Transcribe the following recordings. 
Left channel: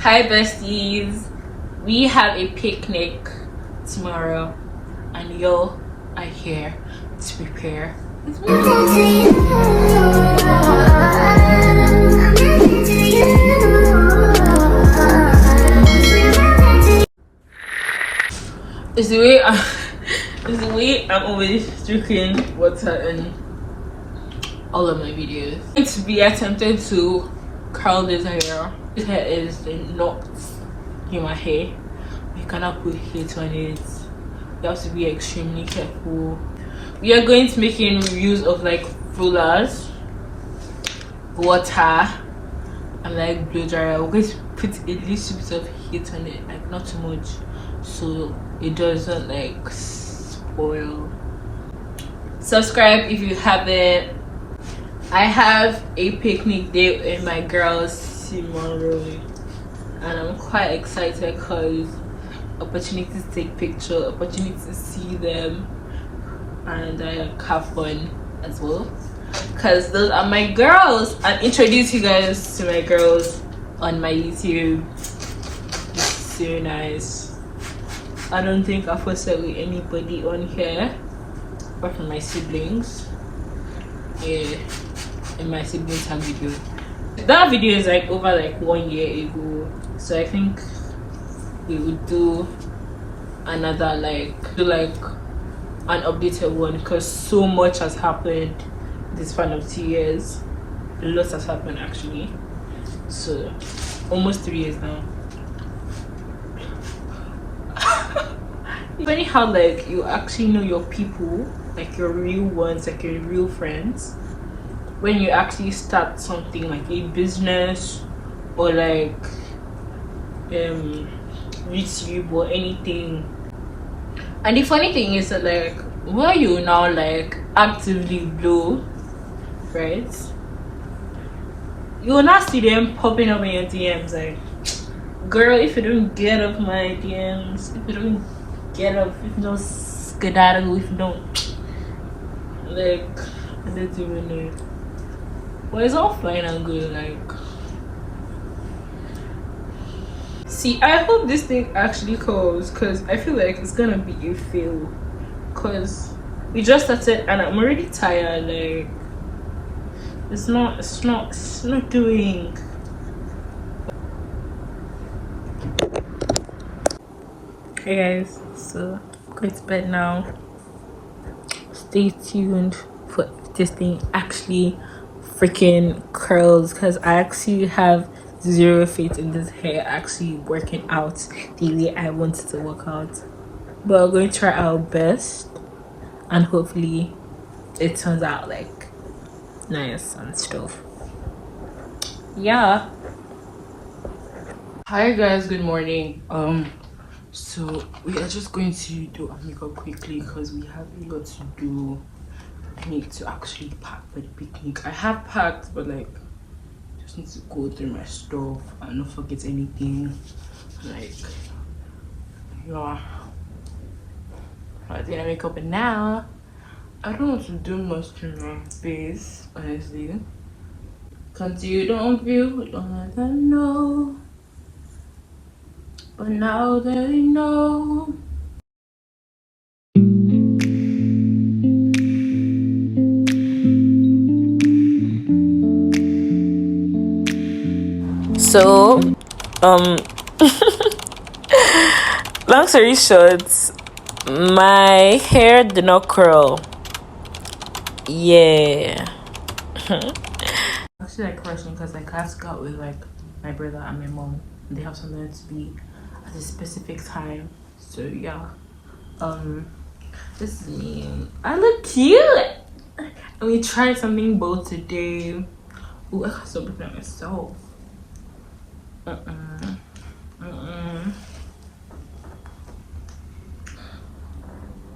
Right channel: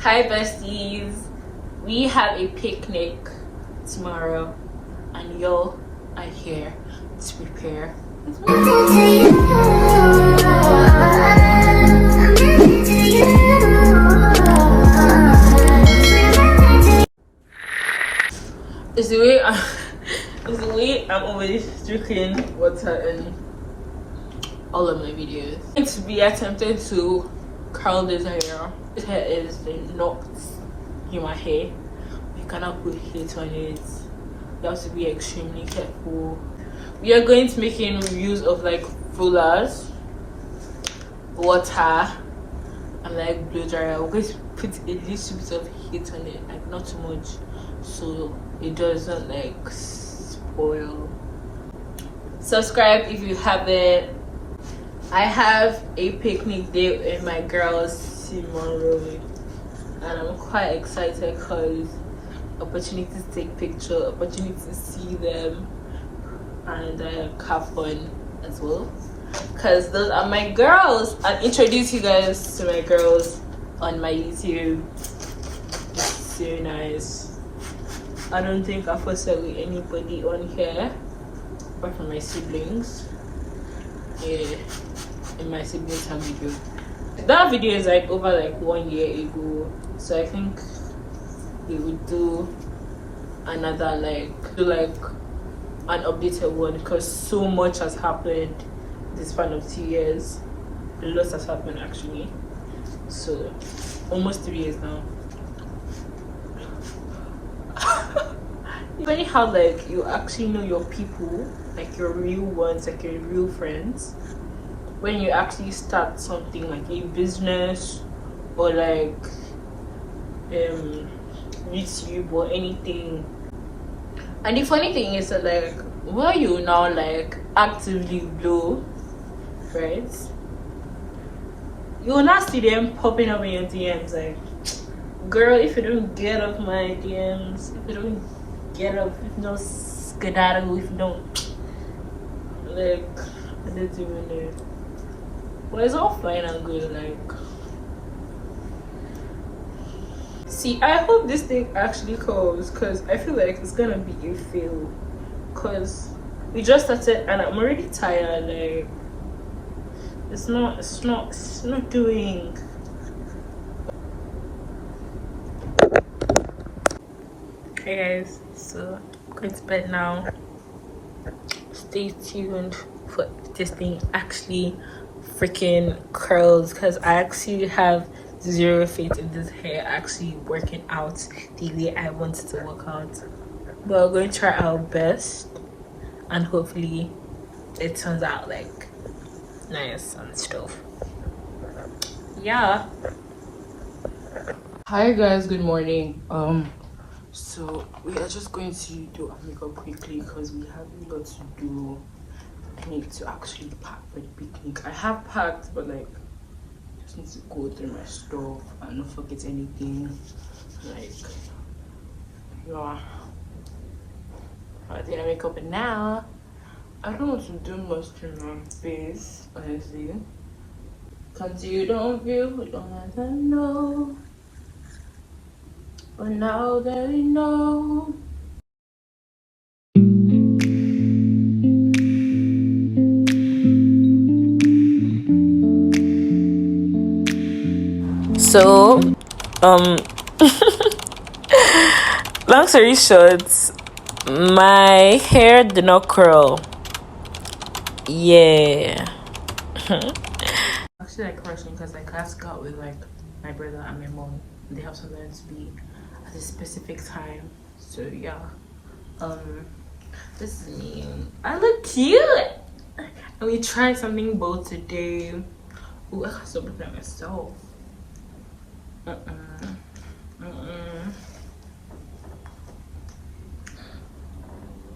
Hi besties, we have a picnic tomorrow and y'all are here to prepare. It's the way I'm always drinking water in all of my videos. I'm going to be attempting to curl this hair. This hair is not in my hair. You cannot put heat on it. You have to be extremely careful. We are going to make use of like rollers, water, and like blow dryer. We're going to put a little bit of heat on it, like not too much, so it doesn't like spoil. Subscribe if you haven't. I have a picnic day with my girls tomorrow, and I'm quite excited because opportunity to take pictures, opportunity to see them, and have fun as well. Because those are my girls, and introduce you guys to my girls on my YouTube. It's so nice. I don't think I've posted with anybody on here apart from my siblings. Yeah, in my siblings have video. That video is like over like 1 year ago, so I think we would do another like an updated one because so much has happened this span of 2 years. A lot has happened actually, so almost 3 years now. Funny how like you actually know your people, like your real ones, like your real friends, when you actually start something like a business or like YouTube or anything. And the funny thing is that like where you now like actively blow, right, you will not see them popping up in your DMs like, girl, if you don't get off my DMs, if you don't get up, if you don't skedaddle, if you don't like, I don't even know. Well, it's all fine and good, like. See, I hope this thing actually calls because I feel like it's gonna be a fail because we just started and I'm already tired. Like, it's not doing. Hey guys, so I'm going to bed now. Stay tuned for if this thing actually freaking curls because I actually have zero faith in this hair actually working out the way I want it to work out, but we're going to try our best and hopefully it turns out like nice and stuff. Yeah. Hi guys, good morning. So we are just going to do our makeup quickly because we have a lot to do. I need to actually pack for the picnic. I have packed, but like just need to go through my stuff and not forget anything. Like, yeah, I did my makeup, and now I don't want to do much to my face, honestly. Cause you don't let them know, but now they know. So, long story short, my hair did not curl. Yeah. Actually, like rushing because like I have to go out with like my brother and my mom, and they have something to be at a specific time. So yeah, this is me. I look cute, and we tried something bold today. Ooh, I have to look at myself.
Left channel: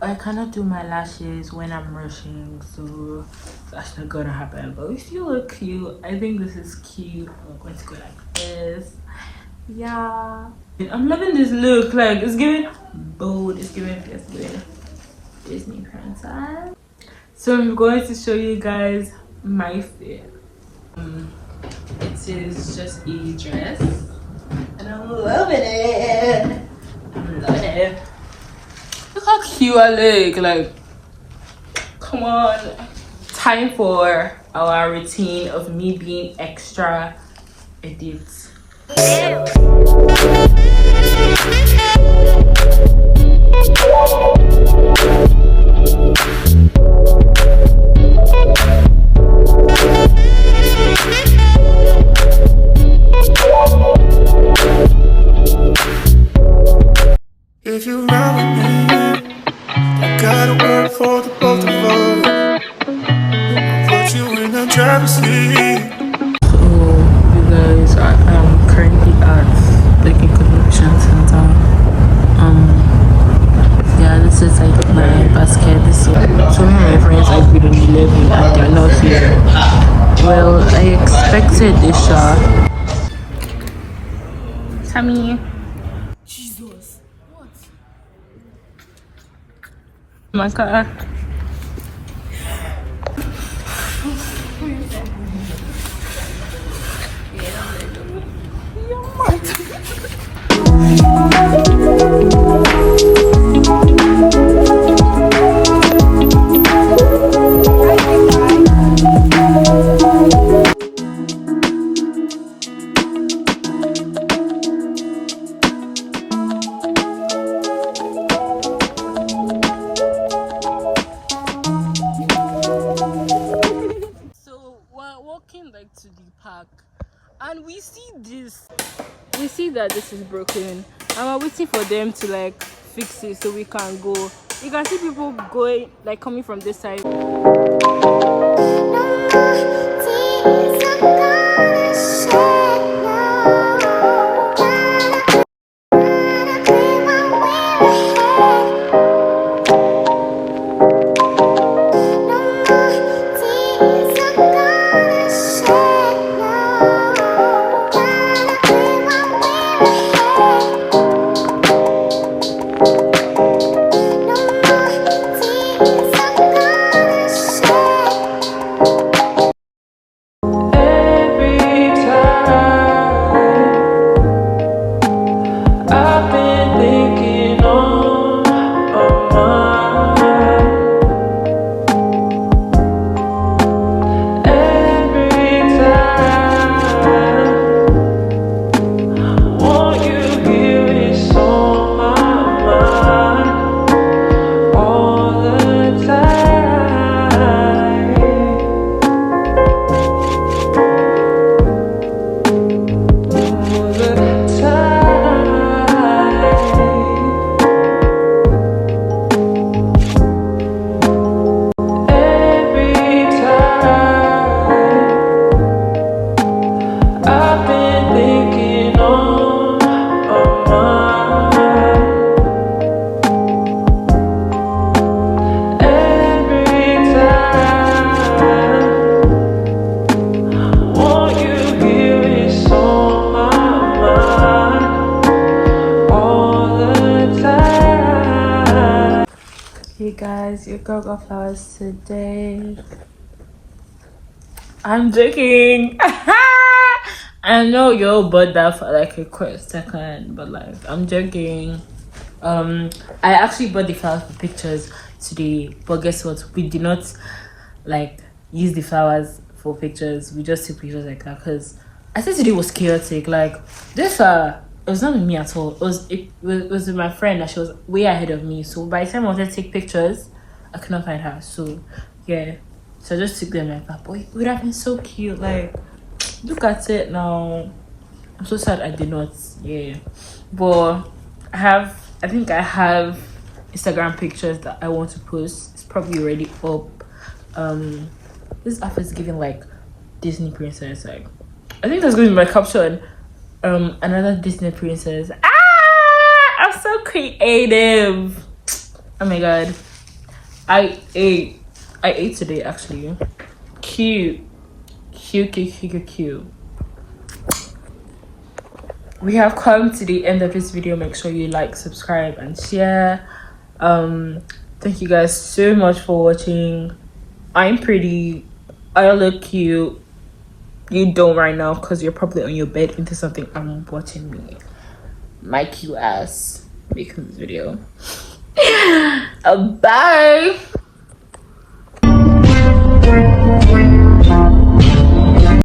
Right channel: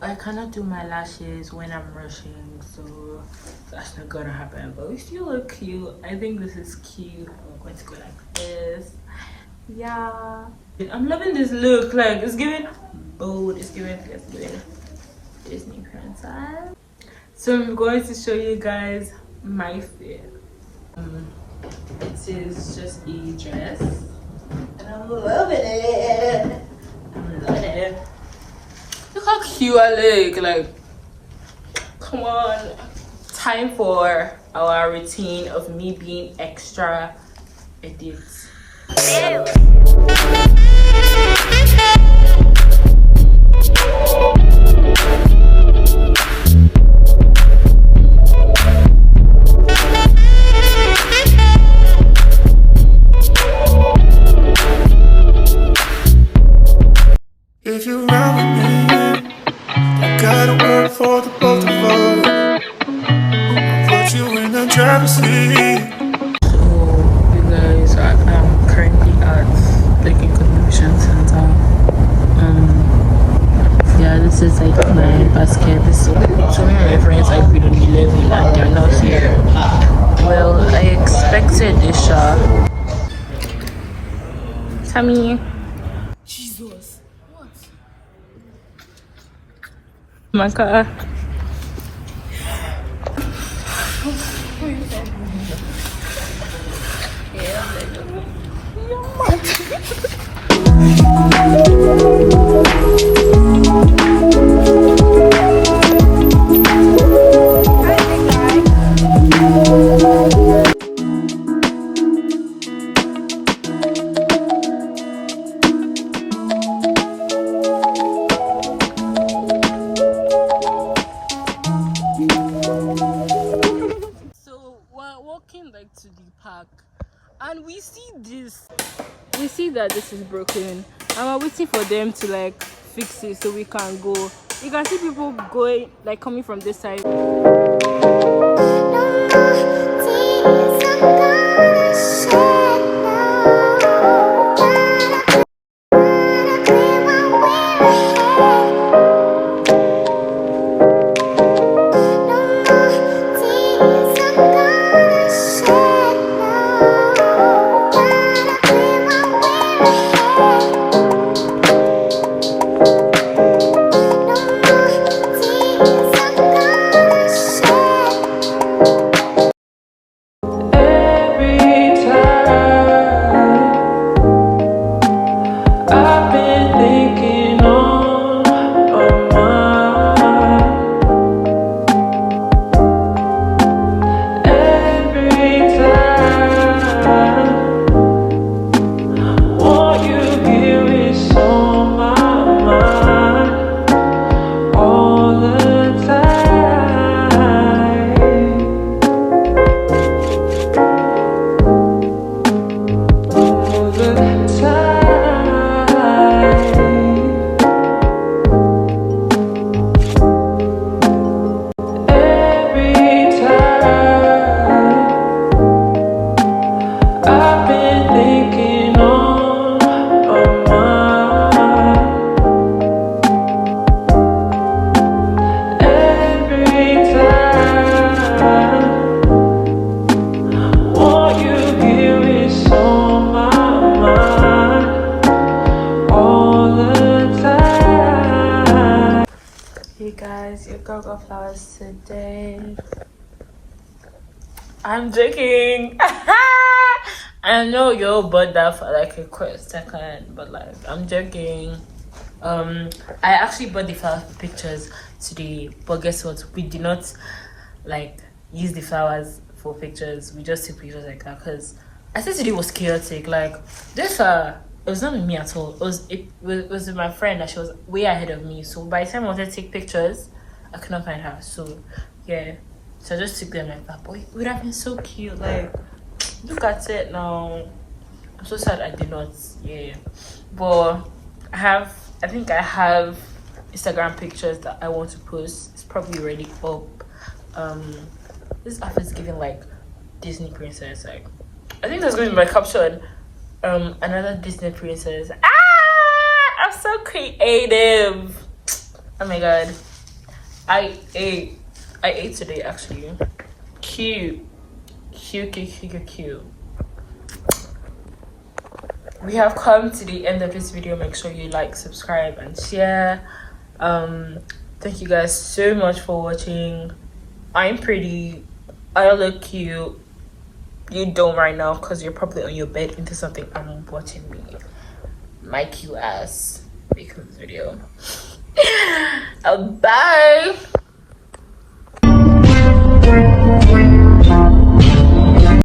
I cannot do my lashes when I'm rushing, so that's not gonna happen. But we still look cute. I think this is cute. I'm going to go like this. Yeah, I'm loving this look. Like, it's giving bold, it's giving Disney princess. So I'm going to show you guys my fit. It is just a dress, and loving it. I'm loving it. Look how cute I look. Like, come on. Time for our routine of me being extra edit. If you run with me, you gotta work for the both of us. I'll put you in the driver's seat. So, you guys, I am currently at Lekki Convention Center. Yeah, this is like my basket. So many of my friends are feeling 11 and they're not here. Well, I expected this shot. Tammy. Jesus. What? My God. Like to the park and we see that this is broken and we're waiting for them to like fix it so we can go. You can see people going, like coming from this side. Your girl got flowers today. I'm joking. I know you bought that for like a quick second, but like I'm joking. I actually bought the flowers for pictures today, but guess what? We did not like use the flowers for pictures. We just took pictures like that because I said today was chaotic. Like this it was not with me at all. It was with my friend and she was way ahead of me. So by the time I wanted to take pictures, I could not find her. So yeah, so I just took them like that. But it would have been so cute. Like look at it now. I'm so sad I did not. Yeah, but I think I have Instagram pictures that I want to post. It's probably already up. This outfit is giving like Disney princess. Like I think that's going to be my caption. Another Disney princess. I'm so creative. Oh my god, I ate today actually. Cute. We have come to the end of this video. Make sure you like, subscribe and share. Thank you guys so much for watching. I'm pretty, I look cute. You don't right now because you're probably on your bed into something and watching me. my cute ass making this video. Bye.